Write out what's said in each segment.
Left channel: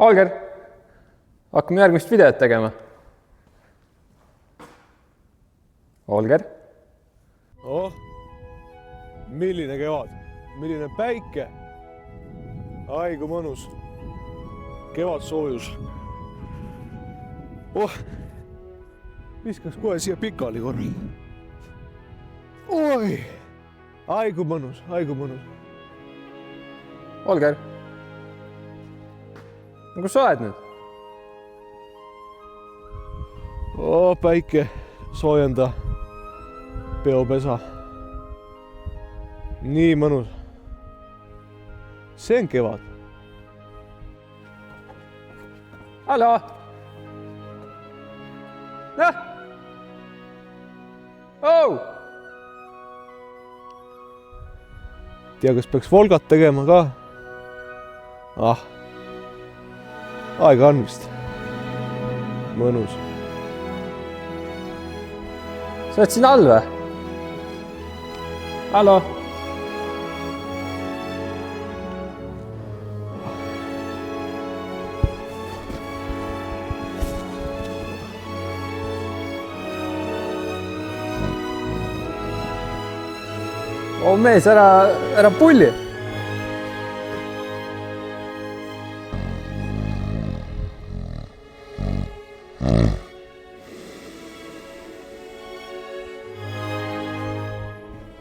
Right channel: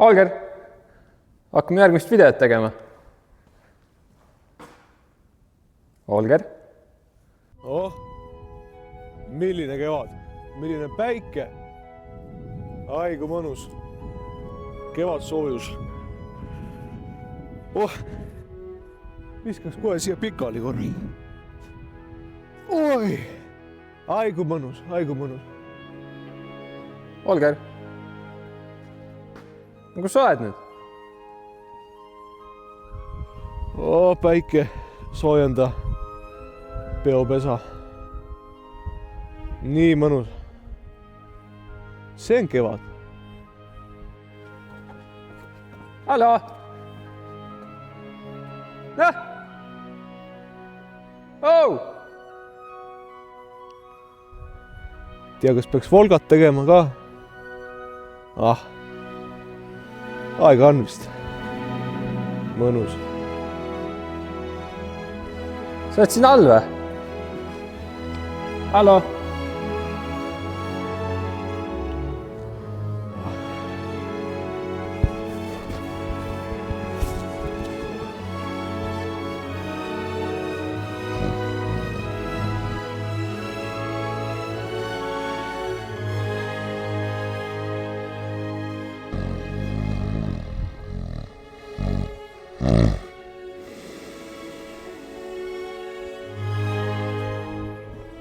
Holger, hakkame järgmist videot tegema. Holger. Oh, milline kevad, milline päike. Ai, kui mõnus. Kevad soojus. Oh, viskaks kohe siia pikali korral. Oi, ai, kui mõnus, ai, kui mõnus. Holger, kus sa oled nüüd? Oh, päike, soojenda peopesa. Nii mõnus. See on kevad. Hallo! Näh! Oh! Tea, kas peaks volgat tegema ka? Ah, aega on vist. Mõnus. Sa oled siin all või? Hallo? Oh mees, ära pulli!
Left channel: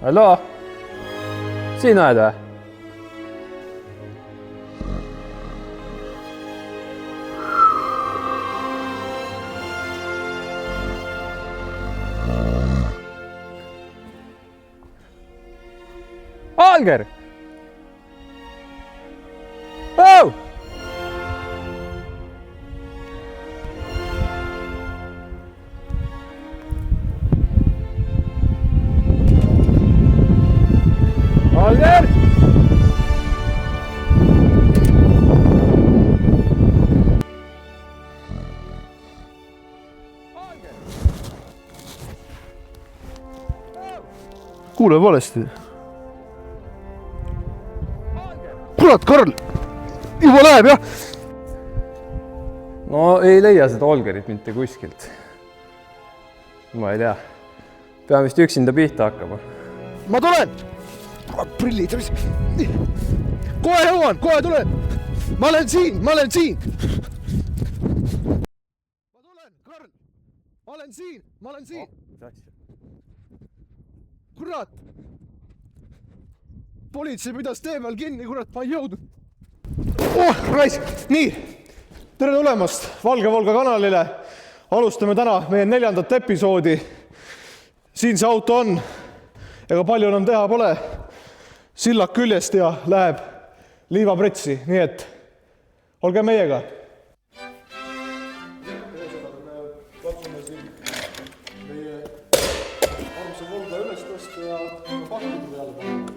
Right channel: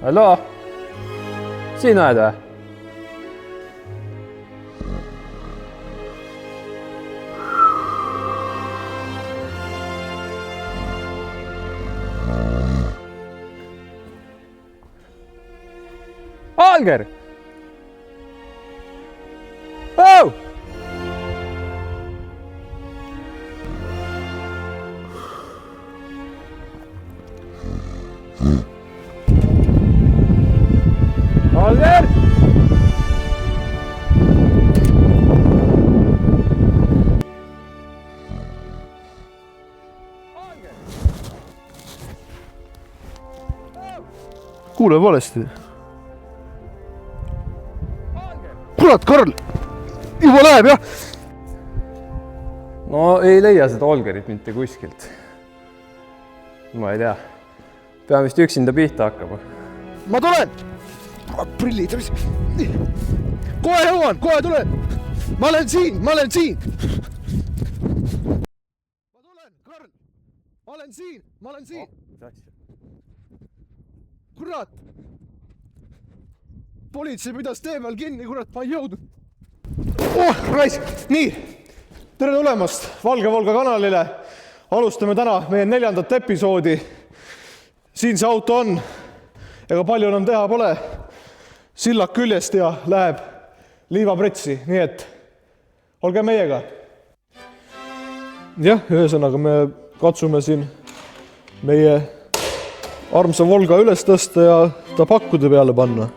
Hallo? Siin oled või? Holger! Oh! Holger! Kuule valesti. Kurat, Karl! Juba läheb, jah? No ei leia seda Holgerit mitte kuskilt. Ma ei tea. Pean vist üksinda pihta hakkama. Ma tulen! Prillid. Kohe jõuan, kohe tulen! Ma olen siin! Ma tulen, Karl! Ma olen siin! Kurat! Politsei pidas tee peal kinni, kurat, ma ei jõudnud. Oh, raisk! Nii, tere tulemast Valge Volga kanalile. Alustame täna meie 4. episoodi. Siin see auto on. Ega palju enam teha pole. Sillak küljest ja läheb liivapretsi. Nii et olge meiega. Jah, ühesõnaga me katsume siin meie armsa Volga üles tõsta ja ta pakkude peale panna.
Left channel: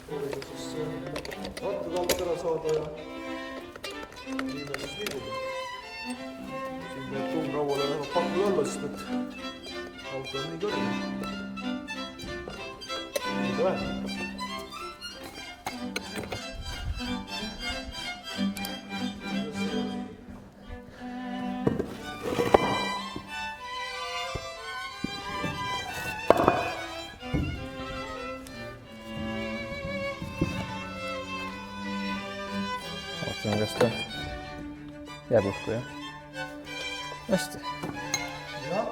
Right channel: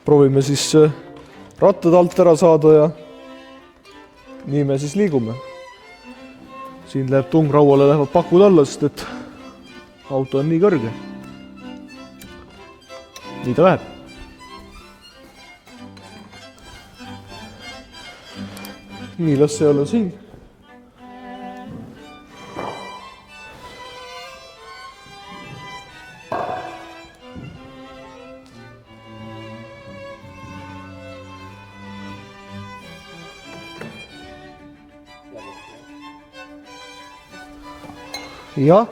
Proovime siis rattad alt ära saada ja nii me siis liigume. Siin läheb tungrauale, lähevad pakud alla, sest et auto on nii kõrge. Nii ta läheb. Nii, las see olla siin. Jääb õhku, jah? Hästi. Jah.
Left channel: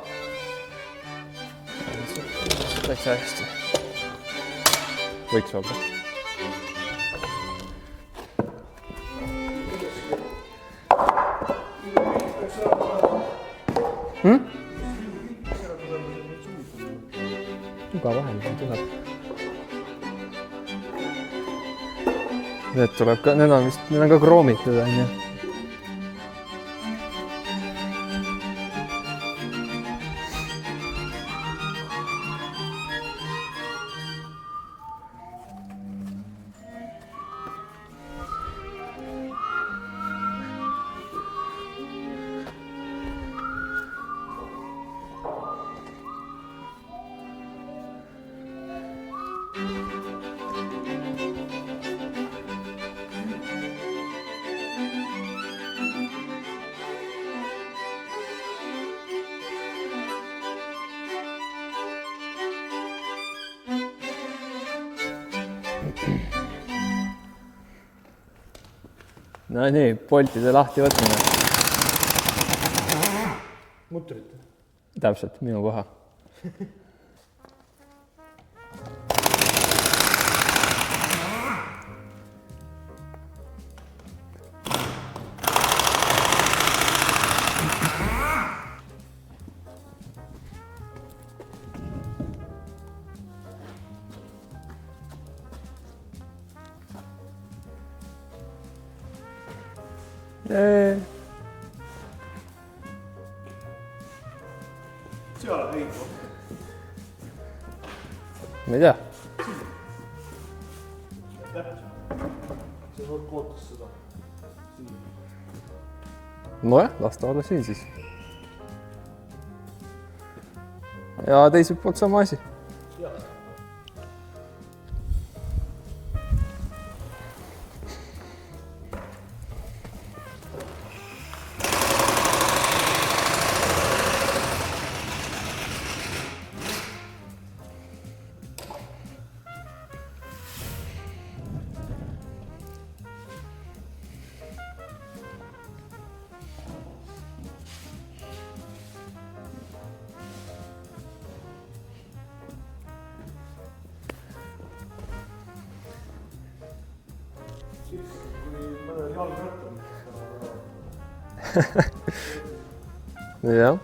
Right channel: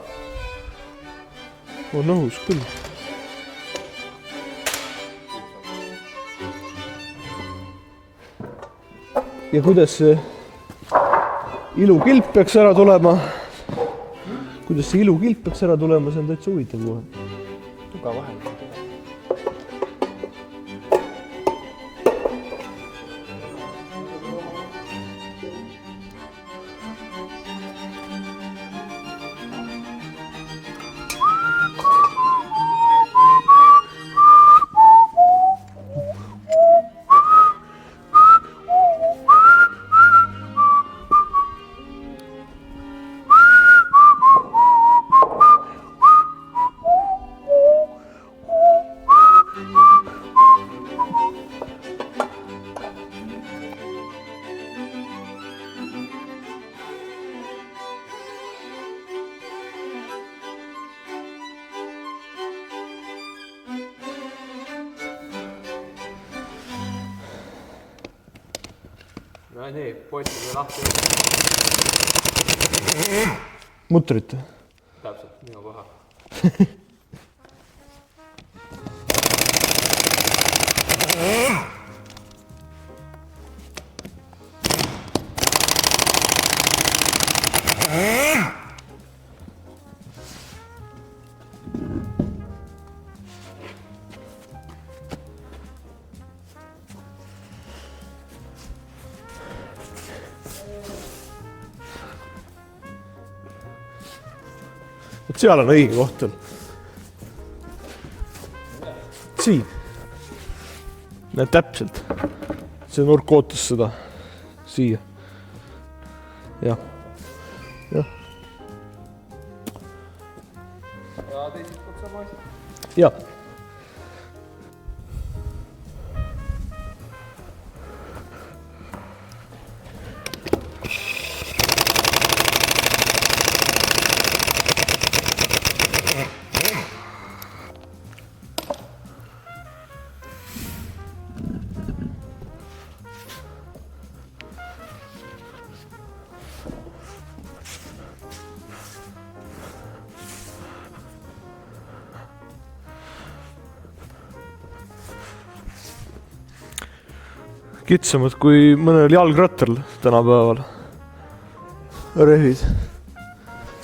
On õhus küll. Täitsa hästi. Võiks olla. Ja kuidas see ilukilp peaks ära tulema? Kuidas see ilukilp peaks ära tulema, see on täitsa huvitav kohe. Tuga vahel tuleb. Need tuleb ka, need on ka kroomitud, on ju. no nii, poltide lahti võtmine. Mutrit. Täpselt, minu paha. Seal on õige koht. Ma ei tea. Siin. Näed täpselt. See nurk ootas seda. Siia. Nojah, las ta olla siin siis. Ja. Ja teiselt poolt sama asi. Ja. Kitsamad kui mõnel jalgrattal tänapäeval. Rehvid. Jah.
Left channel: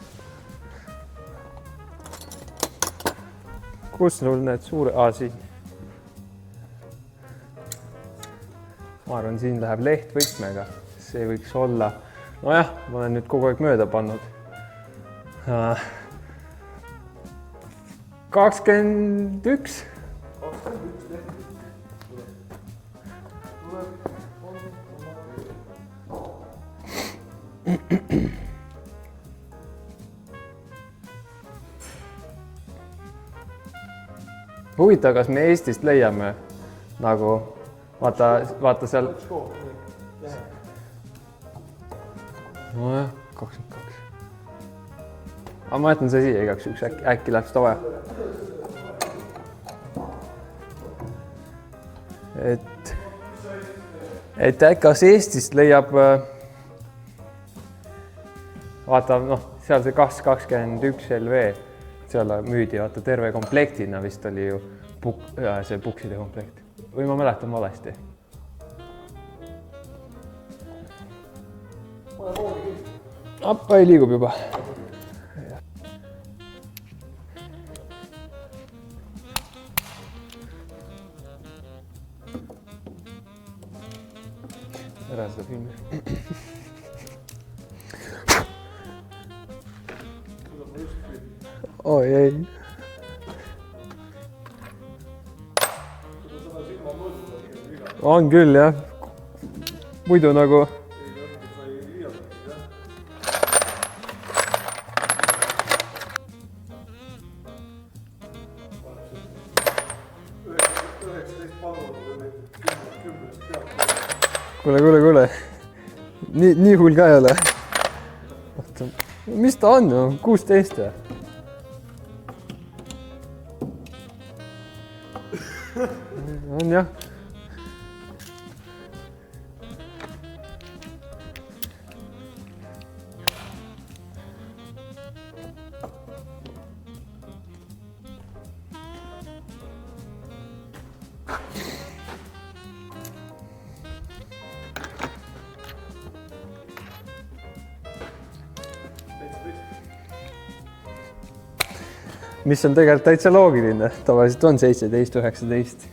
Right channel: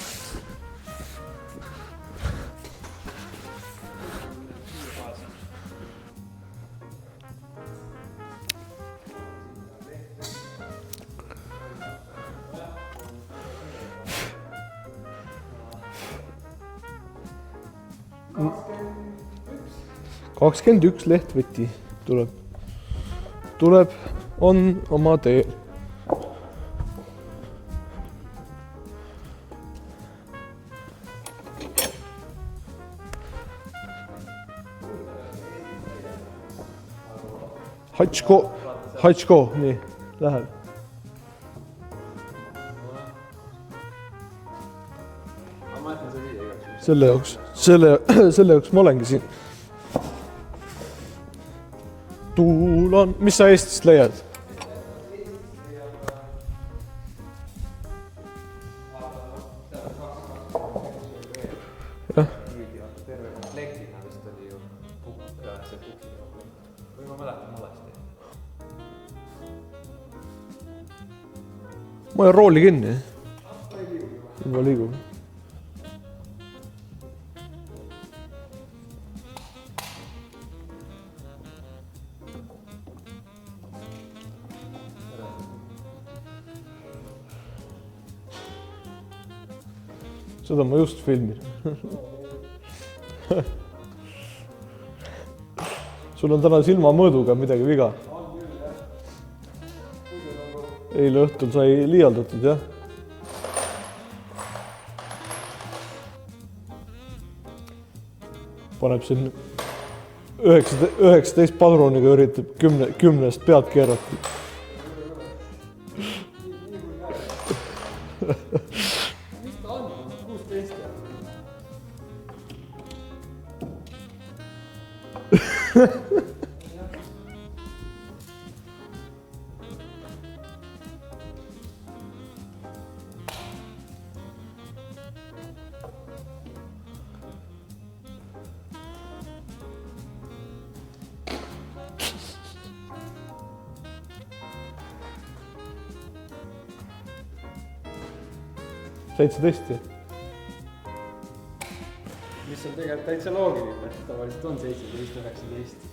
Kus sul need suure... siis. Ma arvan, siin läheb lehtvõtmega. See võiks olla... Nojah, ma olen nüüd kogu aeg mööda pannud. 21. 21 lehtvõti tuleb. Tuleb, on oma tee. Huvitav, kas me Eestist leiame nagu... Vaata seal... Hatško, nii, läheb. Nojah, 22. Aga ma jätan see siia igaks üks. Selle jaoks ma olengi siin. Tuulan, mis sa Eestist leiad? Et kas Eestist leiab... Vaata, seal see 221 LV. Seal müüdi, vaata, terve komplektina vist oli ju see pukside komplekt. Või ma mäletan valesti? Ma olen rooli kinni. Appa ei liigub juba. Ma liigub. Ära seda filmi. Seda ma just filmin. Oi ei. Sul on täna silmamõõduga midagi viga. On küll, jah. Muidu nagu... Eile õhtul sai liialdatud, jah. Paneb siin 19 padruniga üritab 10 pealt keerata. Kuule. Nii hull ka ei ole. Mis ta on? 16. On jah. Tõesti. Mis on tegelikult täitsa loogiline. Tavaliselt on 17, 19.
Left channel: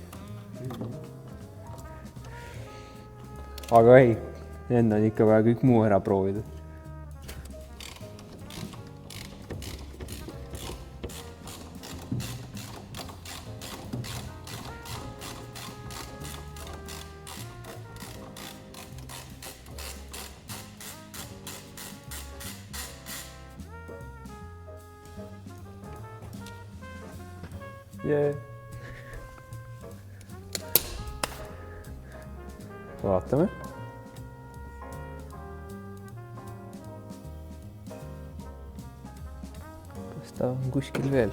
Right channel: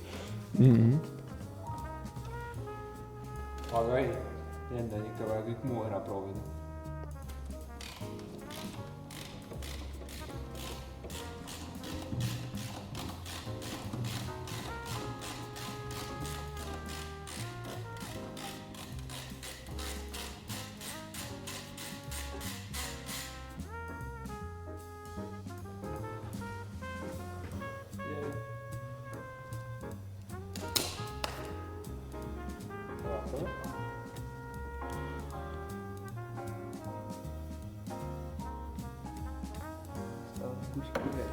Aga ei, enne on ikka vaja kõik muu ära proovida. Yeah. Vaatame. Kas ta on kuskil veel?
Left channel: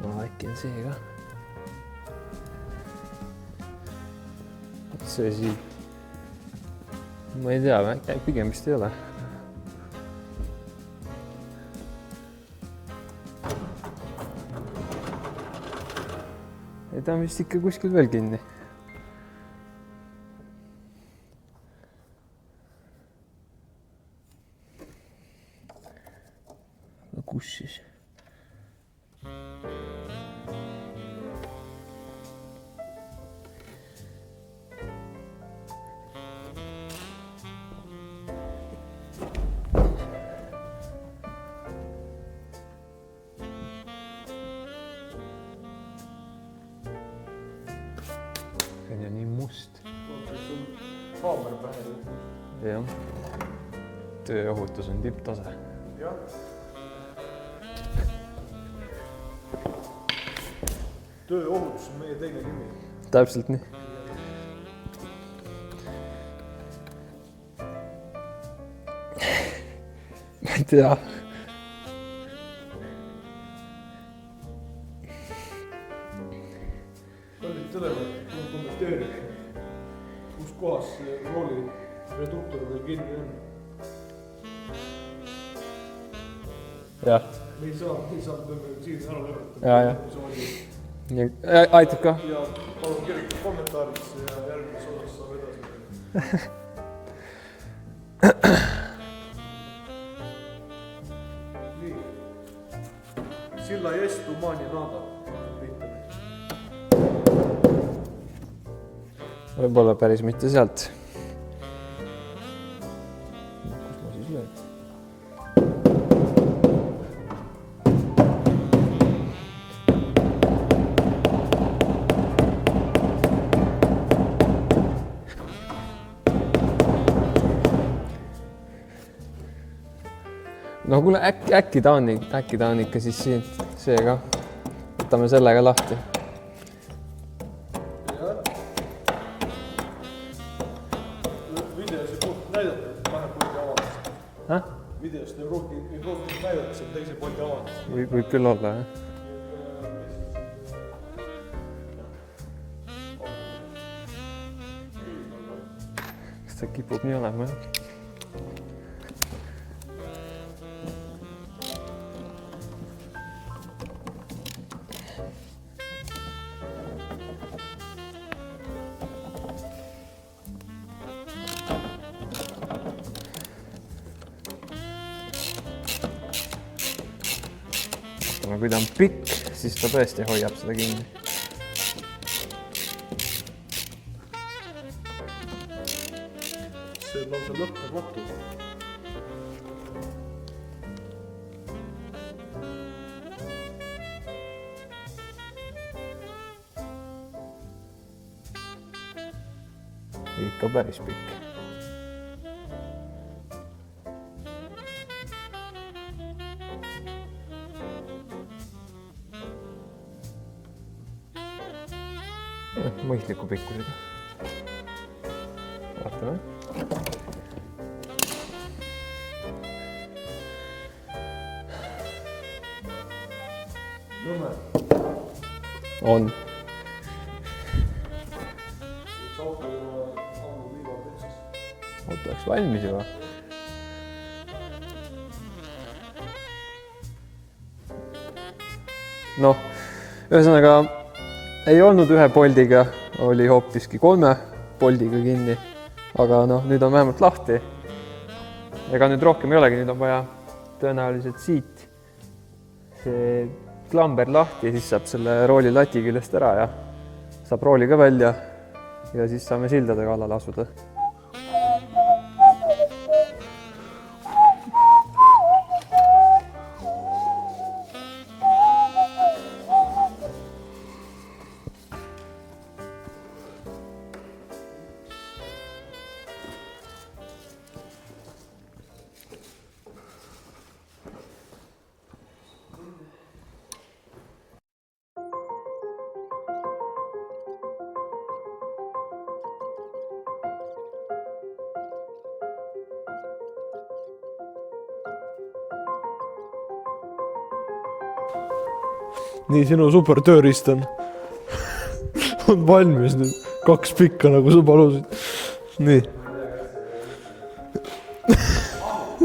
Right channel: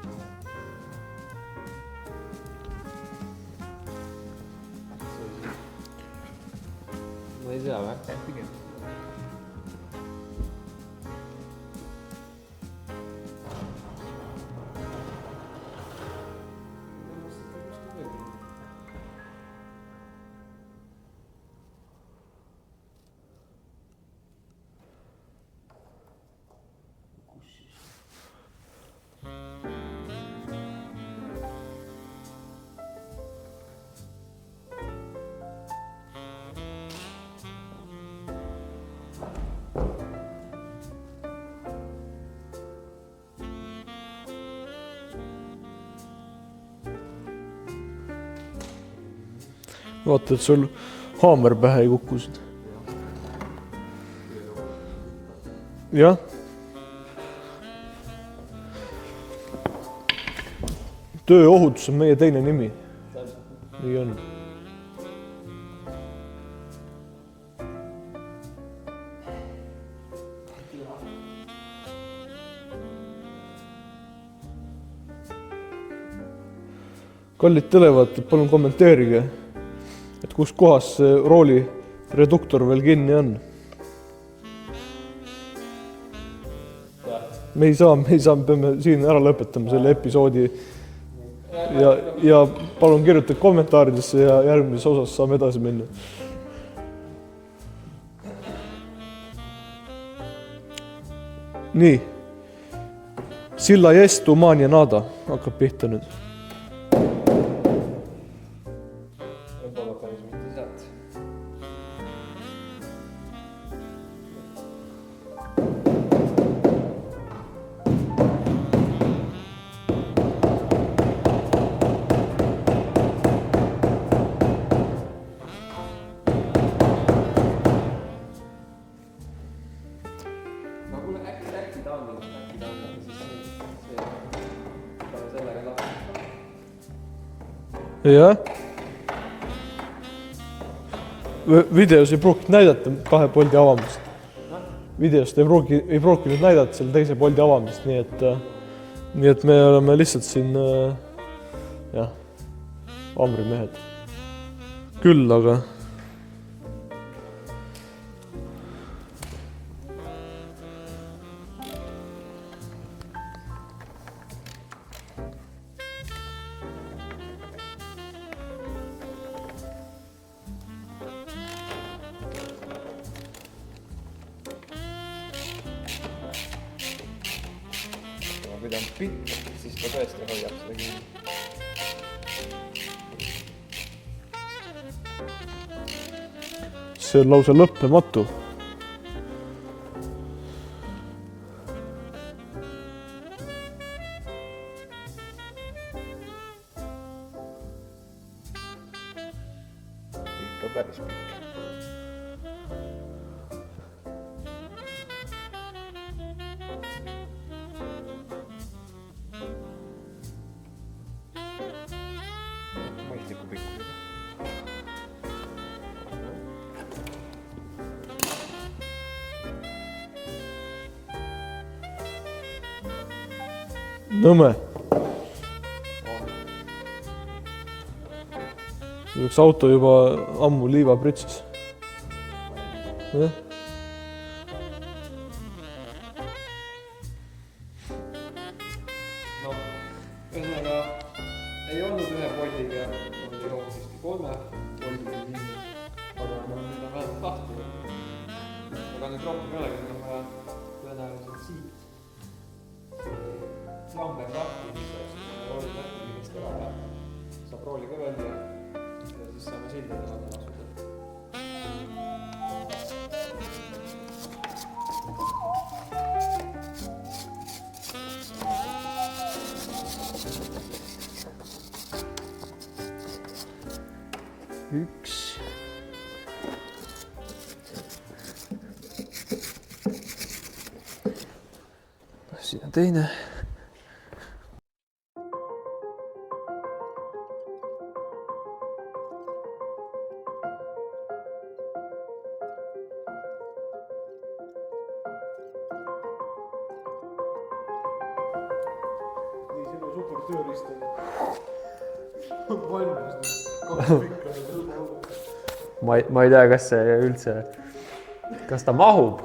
No äkki on see ka. see siin. Ma ei tea, pigem vist ei ole. Ta on vist ikka kuskil veel kinni. No kus siis? Vaata, et sul haamer pähe ei kukkusid. Jah. Tööohutus on tipptase. Jah. Tööohutus on meie teine nimi. Täpselt nii. Nii on. Ma ei tea. Kallid televaatajad, palun kommenteerige, et kus kohas see rooli reduktor veel kinni on. Jah. Me ei saa, peame siin ära lõpetama selle episoodi. Aitab ka. Ja palun kirjutage kommentaaridesse ja järgmises osas saame edasi minna. Nii. Silla jest umania nada hakkab pihta nüüd. Võib-olla päris mitte sealt. No kuule, äkki ta on ikka siis siin, see ka. Võtame sellega lahti. Jah. Videos ei pruukinud näidata kahe poldi avamist. Videost ei pruukinud näidata selle teise poldi avamist. Võib küll olla, jah. Nii et me oleme lihtsalt siin amrimehed. Küll, aga... Kas ta kipub nii olema, jah? Kui ta on pikk, siis ta tõesti hoiab seda kinni. See on lausa lõppematu. Ikka päris pikk. Mõistliku pikkusega. Vaatame. Nõme. On. Üks auto juba ammu liiva pritsis. Auto oleks valmis juba. Ja. Noh, ühesõnaga ei olnud ühe poldiga, oli hoopiski 3 poldiga kinni. Aga noh, nüüd on vähemalt lahti. Ega nüüd rohkem ei olegi, nüüd on vaja tõenäoliselt siit see klamber lahti, siis saab selle rooli lati küljest ära ja saab rooli ka välja ja siis saame sildade kallale asuda. Üks. Siin on teine. Nii, sinu super tööriist on valmis nüüd. 2 pikka nagu sa palusid. Ma ei tea, kas see üldse, kas ta mahub.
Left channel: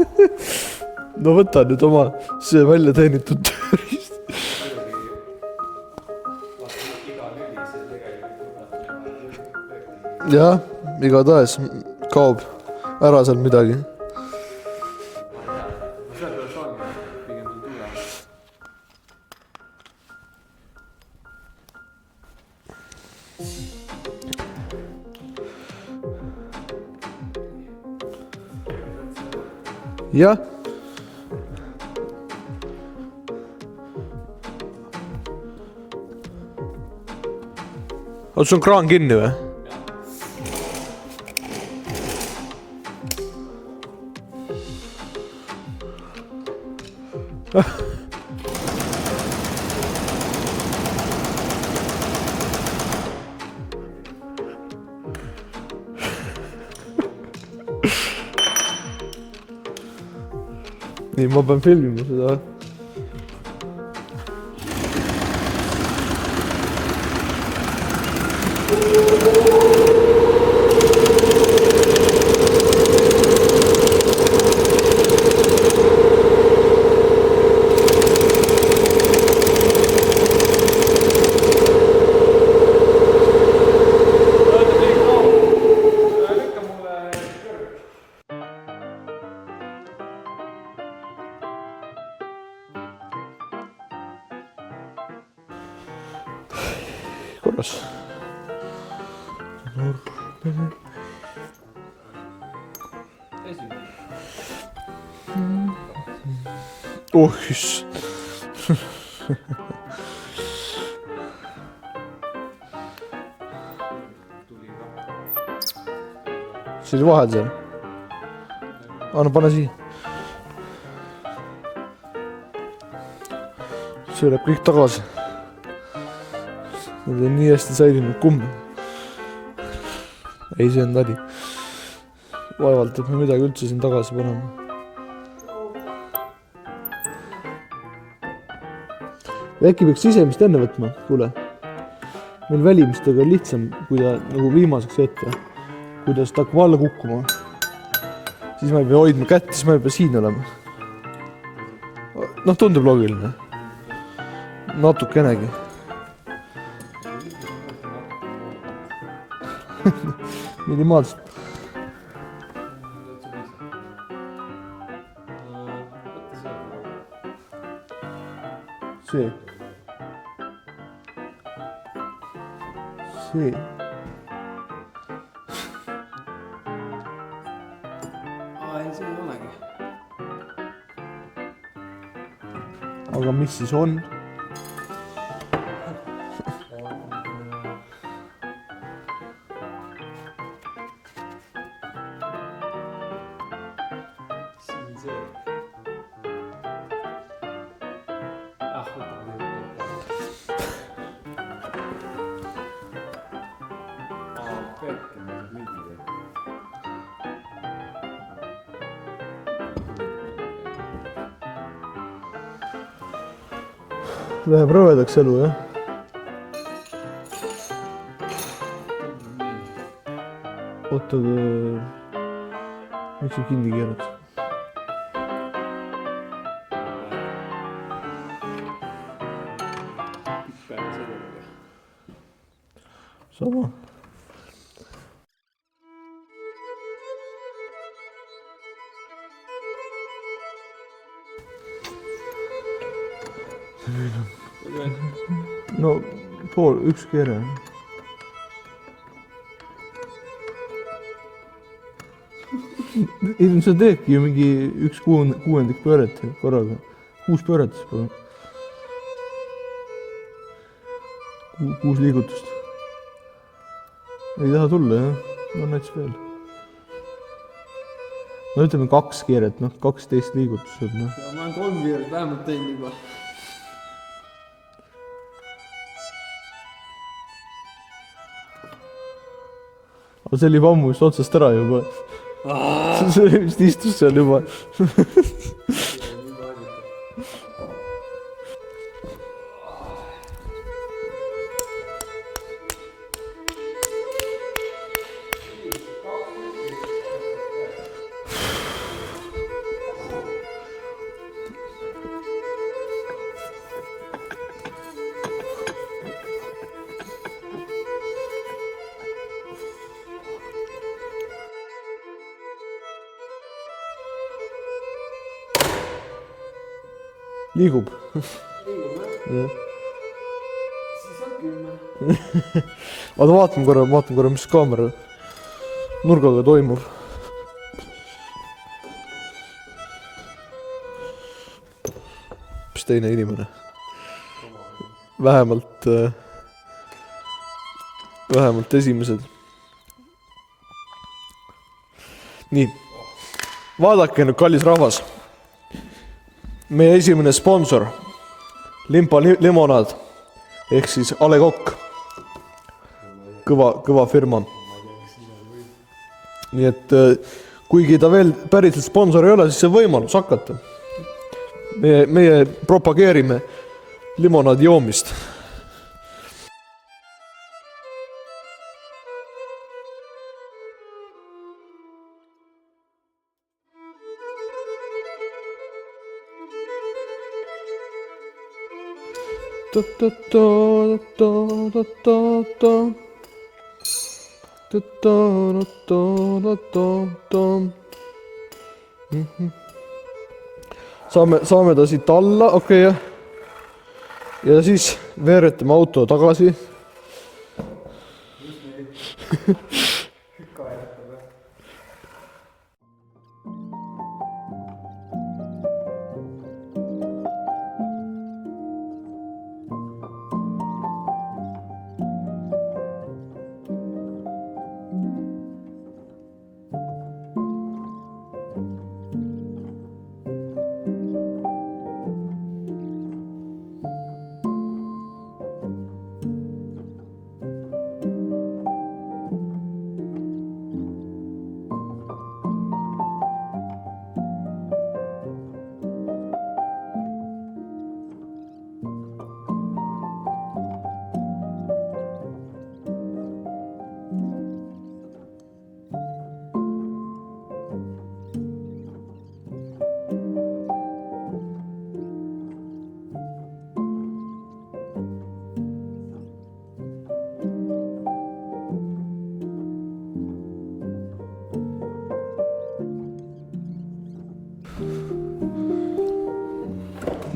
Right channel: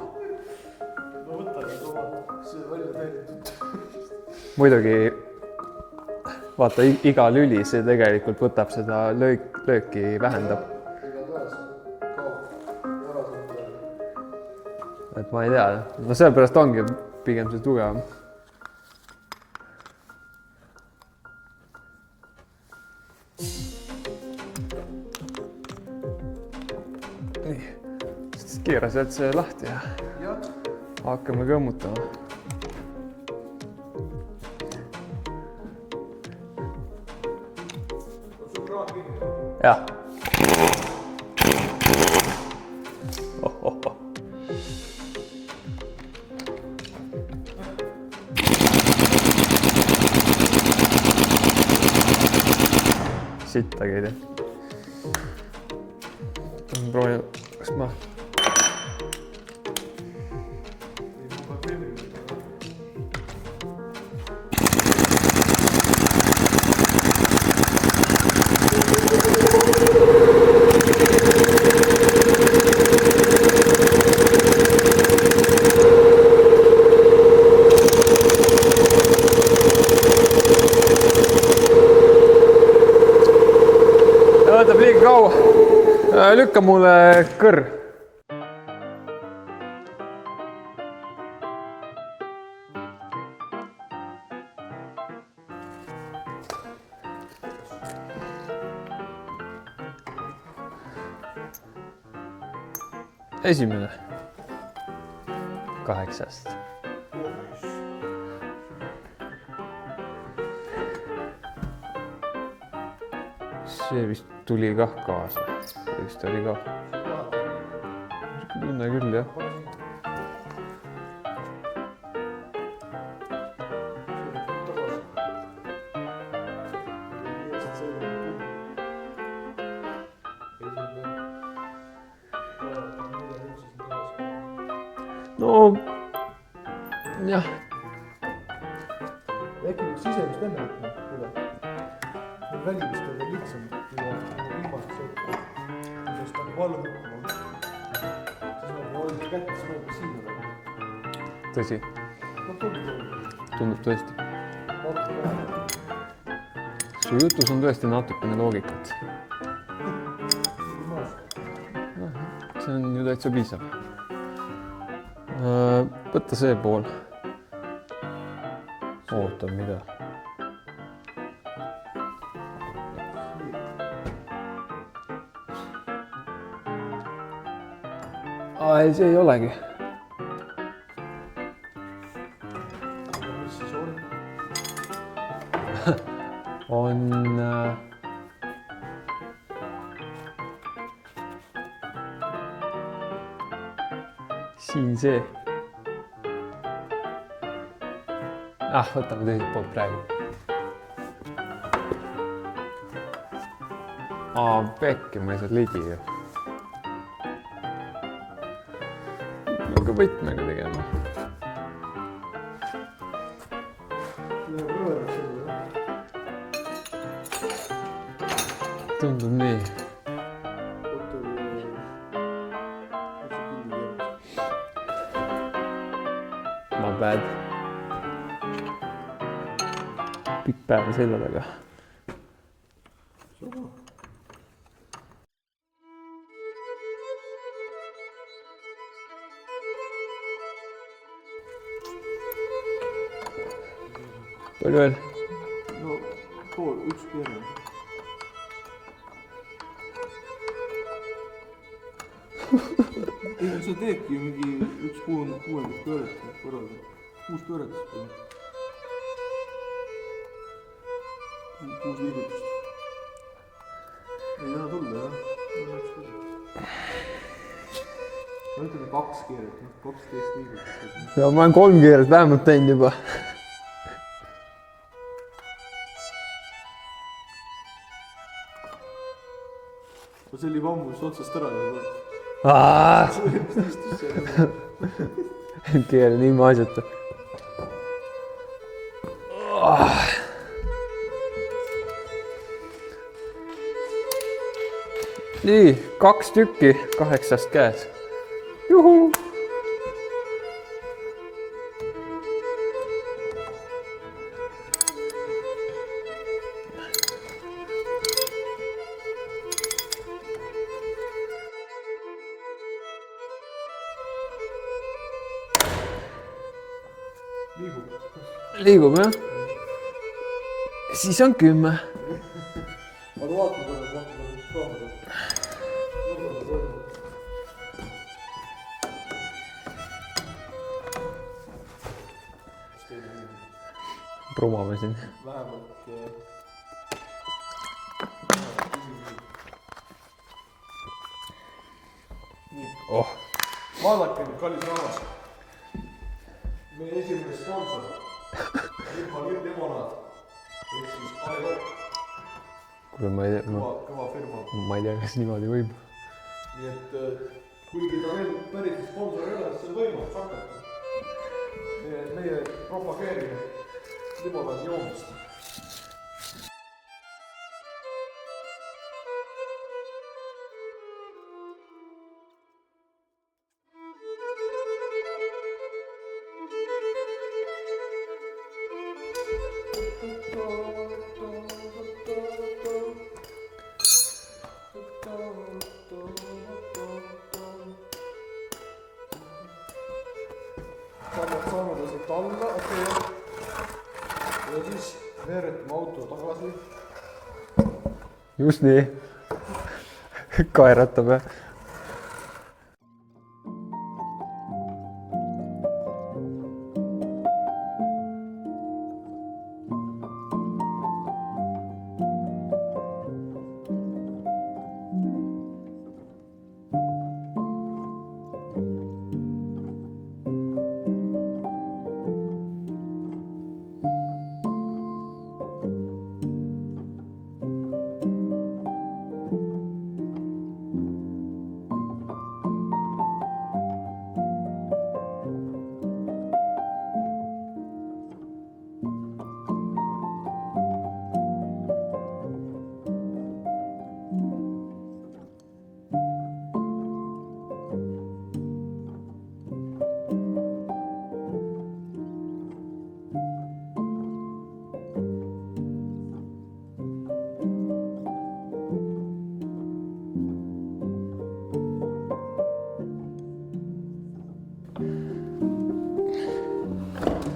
No võta nüüd oma see välja teenitud tööriist. Muidugi, vaata, iga lüli, see tegelikult võtab seda lööki vähem. Jah, igatahes kaob ära seal midagi. Et ma ei tea, no sellepärast ongi pigem see tugevam. Nii, siis keera sealt see lahti ja Jah, hakkame kõmmutama. aga sul on kraan kinni või? Jah. Sittagi ei tea. Proovin, kas ma... Nii, ma pean filmima seda. Lükka mulle kõr. Korras. Esimene. 8. Iss. See vist tuli kah kaasa. Vist oli ka. See oli vahel seal. Tunne küll. Anna, pane siia. See läheb kõik tagasi. Need on nii hästi säilinud kumb. Ei, see on tädi. Vaevalt, et me midagi üldse siin tagasi paneme. No, jah. Äkki peaks sisemist enne võtma, kuule. Meil välimistega on lihtsam, kui ta nagu viimaseks ette, kui ta seda hakkab alla kukkuma. Siis ma ei pea hoidma kätt, siis ma ei pea siin olema. Tõsi. Noh, tundub loogiline. Tundub tõesti. Natukenegi. Su jutus on tõesti natukene loogikat. Minimaalselt. See on ju täitsa piisav. Võtta see pool. Ootan mida. See. Ei, see ei olegi. Aga mis siis on? On... siin see. Võtame teiselt poolt praegu. Pekki, ma ei saa ligi ju. Aga võtmega tegema. Läheb rõvedaks elu, jah? Tundub nii. Oota, miks see kinni keeraks? My bad. Pikk päev sellega. Sama. Palju veel? No, üks keere. Ei, sa teedki ju mingi 1/6 pööret korraga. 6 pööret siis palun. 6 liigutust. Ei taha tulla, jah? No näiteks veel. No ütleme 2 keeret, 12 liigutust. Ja ma olen 3 keeret vähemalt teinud juba. Aga see oli juba ammu just otsast ära juba. See vist istus seal juba. Keele nii maasjata. nii, 2 tükki 8 käes. Liigub. Liigub jah? Siis on 10. Vaata, vaatan korra, mis kaamera nurgaga toimub. Mis teine inimene? Promame siin. Vähemalt esimesed. Nii, vaadake nüüd, kallis rahvas. Meie esimene sponsor, Limpa limonaad, ehk siis A. Le Coq. Kõva firma. Ma ei tea, kas niimoodi võib. Nii et kuigi ta veel päriselt sponsor ei ole, siis see võimalus hakata. Meie propageerime limonaadi joomist. Saame ta siit alla, okei jah. Ja siis veeretame auto tagasi. Just nii. Kaeratame.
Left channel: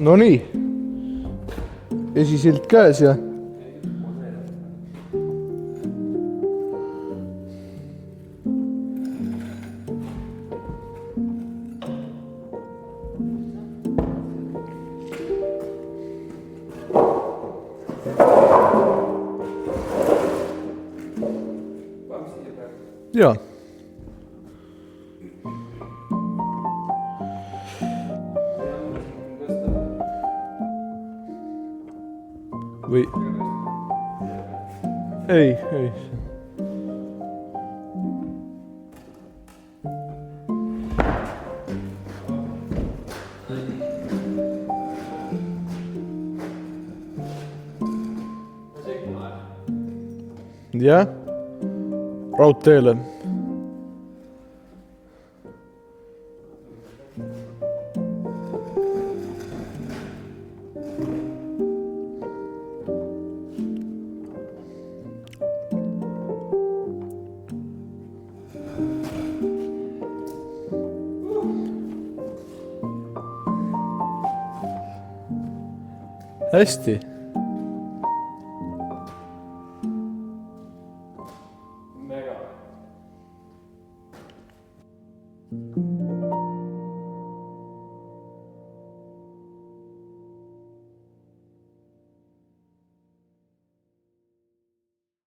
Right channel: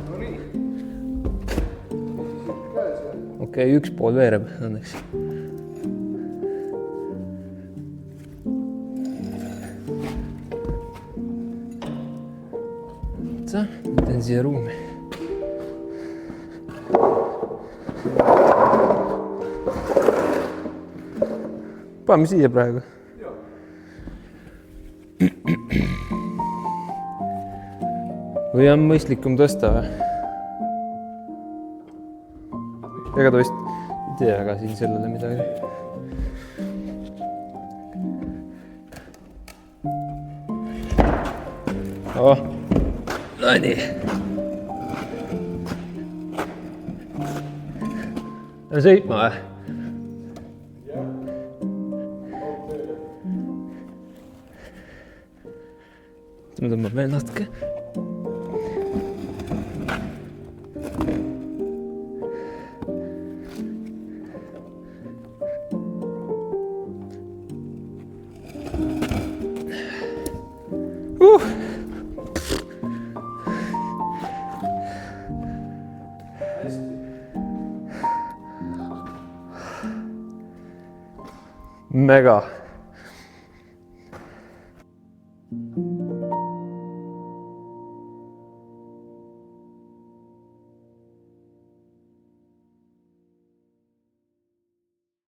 No nii, esisild käes ja... Okei, üks pool veereb õnneks. Teen siia ruumi. Paneme siia praegu. Jaa. Või on mõistlikum tõsta või? Ega ta vist ei tea ka siin sellele midagi. Ei. No nii. Sõitma või? Jah, raudteele. Ma tõmbab veel natuke. Hästi. Mega.